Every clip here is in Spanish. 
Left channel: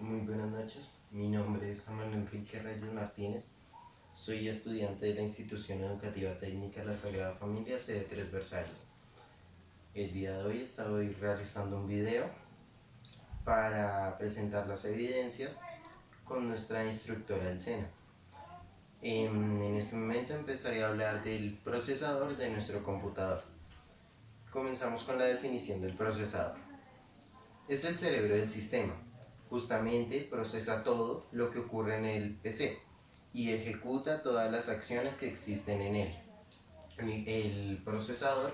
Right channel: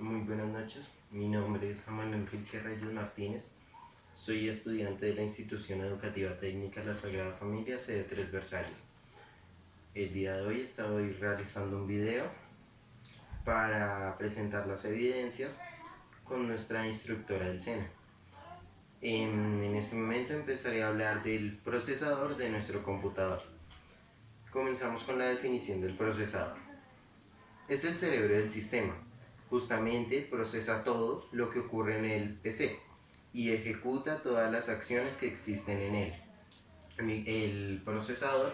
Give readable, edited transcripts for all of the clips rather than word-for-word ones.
Muy buenas noches, mi nombre es Samuel Enrique Reyes Martínez, soy estudiante de la Institución Educativa Técnica La Sagrada Familia, sede 3 Versalles. El día de hoy estoy realizando un video para presentar las evidencias con nuestra instructora del SENA. En este momento empezaré a hablar del procesador de nuestro computador. Comenzamos con la definición del procesador. Es el cerebro del sistema. Justamente procesa todo lo que ocurre en el PC y ejecuta todas las acciones que existen en él. El procesador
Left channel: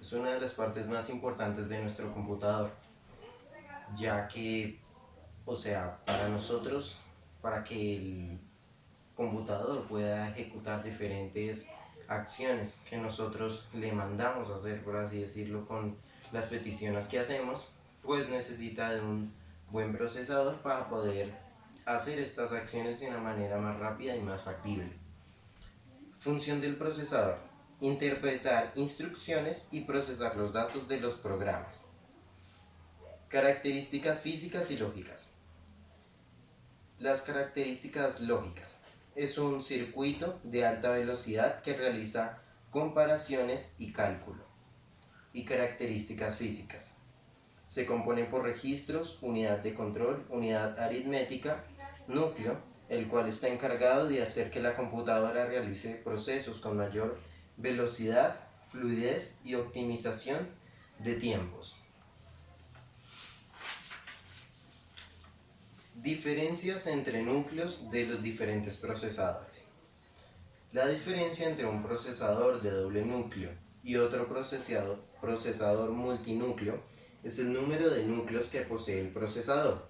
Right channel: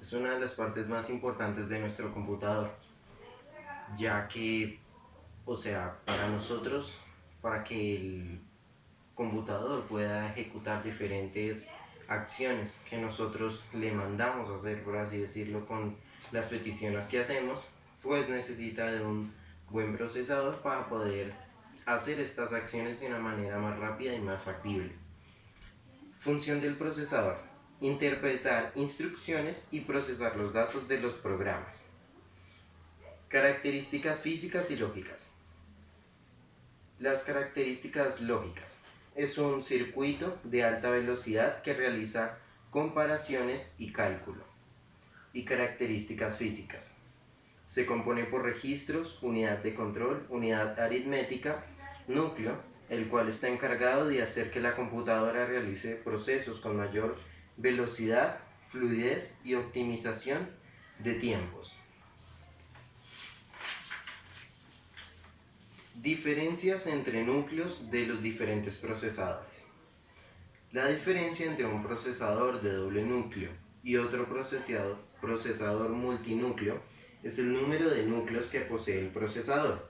es una de las partes más importantes de nuestro computador, ya que, para nosotros, para que el computador pueda ejecutar diferentes acciones que nosotros le mandamos a hacer, por así decirlo, con las peticiones que hacemos, pues necesita de un buen procesador para poder hacer estas acciones de una manera más rápida y más factible. Función del procesador: interpretar instrucciones y procesar los datos de los programas. Características físicas y lógicas. Las características lógicas: es un circuito de alta velocidad que realiza comparaciones y cálculo. Y características físicas: se compone por registros, unidad de control, unidad aritmética, núcleo, el cual está encargado de hacer que la computadora realice procesos con mayor velocidad, fluidez y optimización de tiempos. Diferencias entre núcleos de los diferentes procesadores. La diferencia entre un procesador de doble núcleo y otro procesador multinúcleo es el número de núcleos que posee el procesador.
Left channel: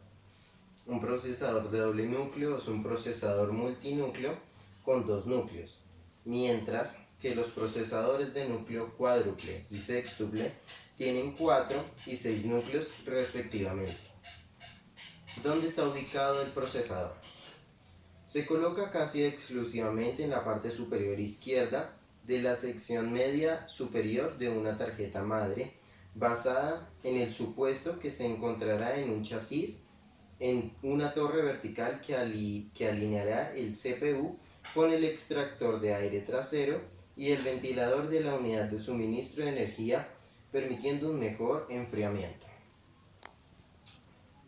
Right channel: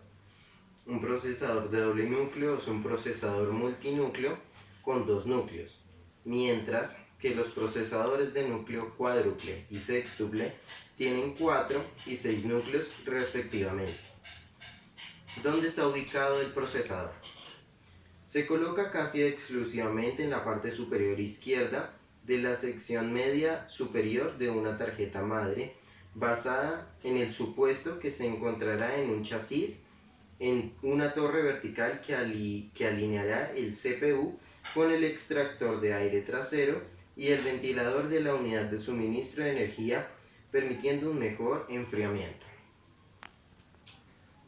Un procesador de doble núcleo es un procesador multinúcleo con 2 núcleos, mientras que los procesadores de núcleo cuádruple y sextuple tienen 4 y 6 núcleos respectivamente. ¿Dónde está ubicado el procesador? Se coloca casi exclusivamente en la parte superior izquierda de la sección media superior de una tarjeta madre, basada en el supuesto que se encontrará en un chasis en una torre vertical que alineará el CPU con el extractor de aire trasero y el ventilador de la unidad de suministro de energía, permitiendo un mejor enfriamiento.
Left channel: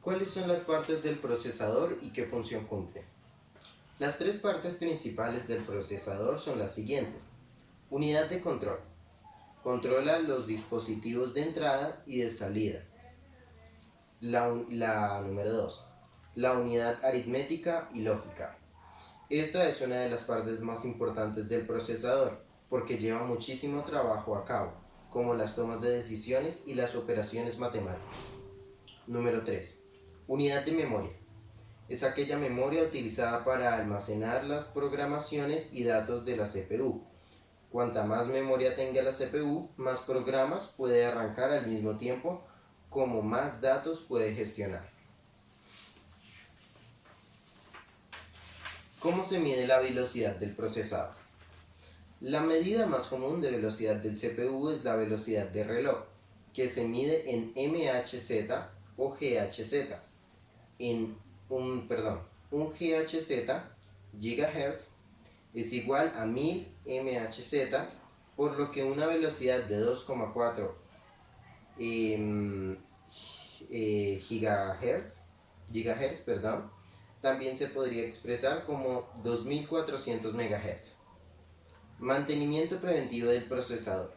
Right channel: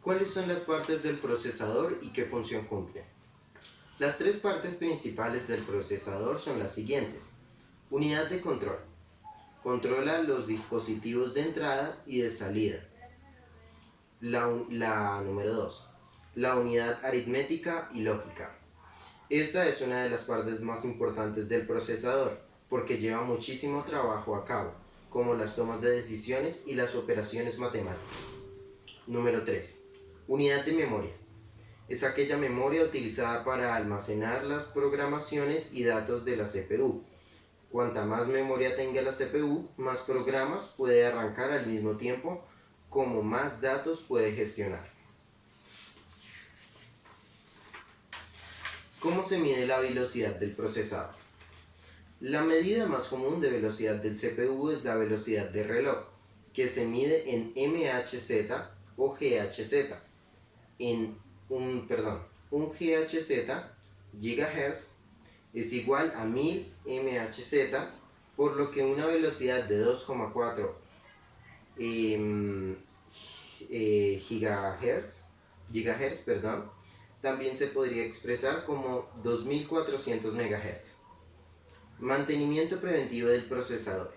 ¿Cuáles son las partes del procesador y qué función cumplen? Las 3 partes principales del procesador son las siguientes. Unidad de control: controla los dispositivos de entrada y de salida. La número 2, la unidad aritmética y lógica. Esta es una de las partes más importantes del procesador porque lleva muchísimo trabajo a cabo, como las tomas de decisiones y las operaciones matemáticas. Número 3, unidad de memoria. Es aquella memoria utilizada para almacenar las programaciones y datos de la CPU. Cuanta más memoria tenga la CPU, más programas puede arrancar al mismo tiempo, como más datos puede gestionar. ¿Cómo se mide la velocidad del procesador? La medida más común de velocidad del CPU es la velocidad de reloj, que se mide en MHz o GHz. Un GHz, gigahertz, es igual a 1000 MHz, por lo que una velocidad de 2,4 gigahertz, también se podría expresar como 2400 MHz. Mantenimiento preventivo del procesador.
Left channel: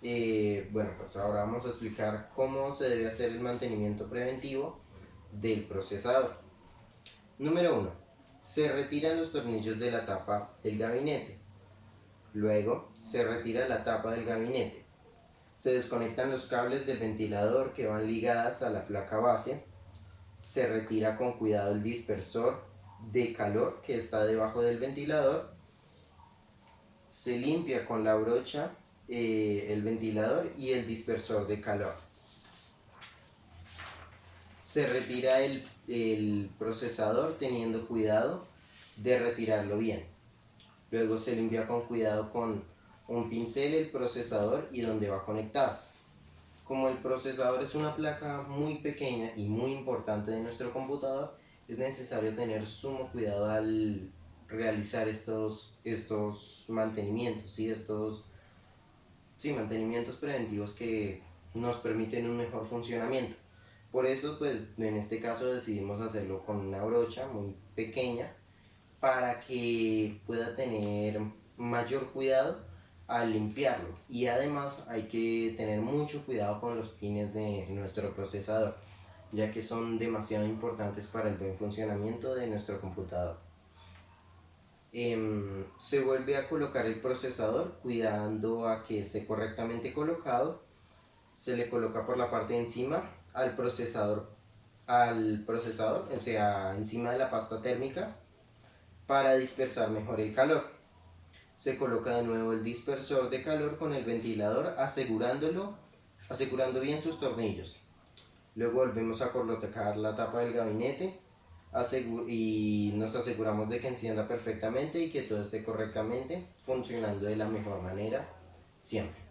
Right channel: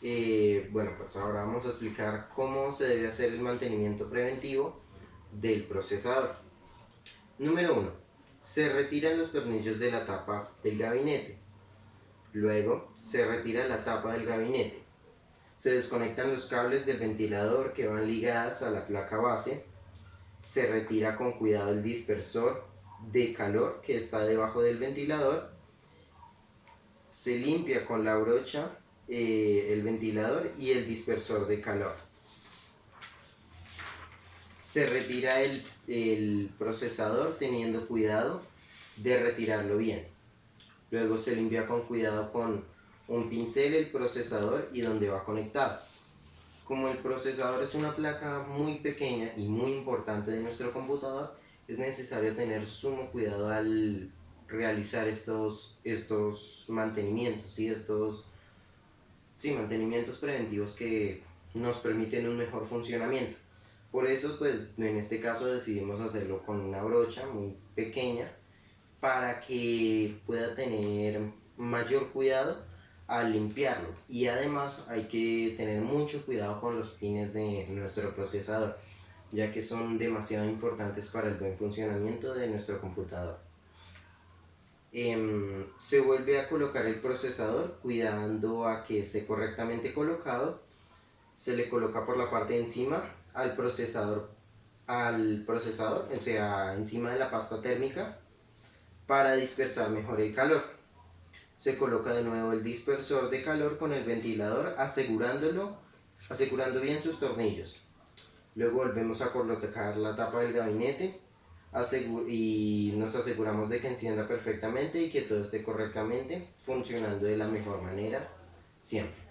Pues ahora vamos a explicar cómo se debe hacer el mantenimiento preventivo del procesador. Número 1. Se retiran los tornillos de la tapa del gabinete. Luego se retira la tapa del gabinete. Se desconectan los cables del ventilador que van ligadas a la placa base. Se retira con cuidado el dispersor de calor que está debajo del ventilador. Se limpia con la brocha el ventilador y el dispersor de calor. Se retira el procesador teniendo cuidado de retirarlo bien. Luego se limpia con cuidado con un pincel el procesador y donde va conectado. Como el procesador es una placa muy pequeña y muy importante de nuestro computador, es necesario tener sumo cuidado al realizar estos mantenimientos, ¿sí? Sí, mantenimientos preventivos que nos permiten un mejor funcionamiento. Por eso, pues en este caso decidimos hacerlo con una brocha muy pequeña para que pueda tener mayor cuidado al limpiarlo. Y además hay que tener mucho cuidado con los pines de nuestro procesador, ya que son demasiado importantes para el buen funcionamiento de nuestro computador. Se vuelve a colocar el procesador cuidando a que esté correctamente colocado. Se le coloca por la parte de encima al procesador, o sea, encima de la pasta térmica para dispersar mejor el calor. Se coloca de nuevo el dispersor de calor con el ventilador asegurando bien sus tornillos. Luego volvemos a colocar la tapa del gabinete y nos aseguramos de que encienda perfectamente y que todo esté correctamente funcionando de la mejor manera siempre.